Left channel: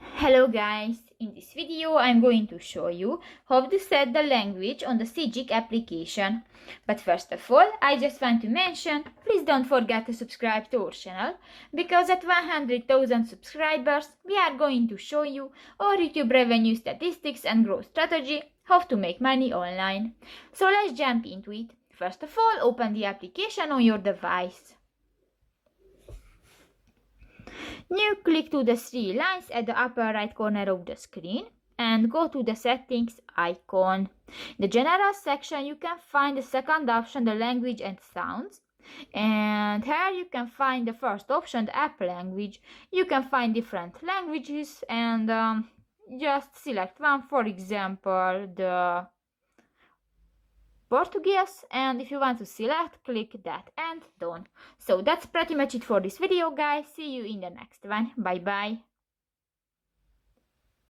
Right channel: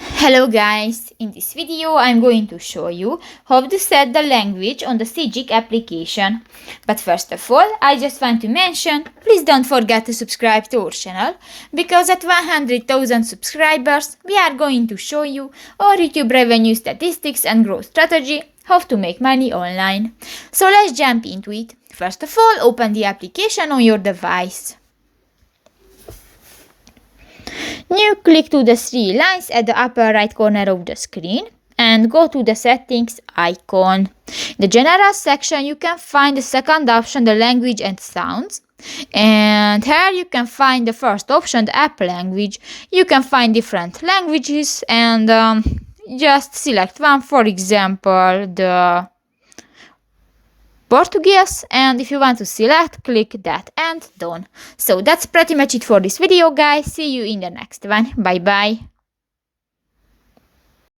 Hello guys, in this video I'm going to show you how to set the language on the Sygic application. But first of all, I just want to mention, please don't forget to subscribe to our channel, because at 100,000 subscribers we are going to show you our YouTube revenue statistics and growth strategy, how to make money online. So let's jump into it. First of all, open the application on your device. Now click to the three lines at the upper right corner of the screen and go to the settings icon. In the general section you can find the second option, the language and sounds. And here you can find the first option, the app language. You can find different languages and just select one, for example the Portuguese, and if you want to select, click that and done. So that's pretty much it for this video guys. See you in the next one. Bye bye.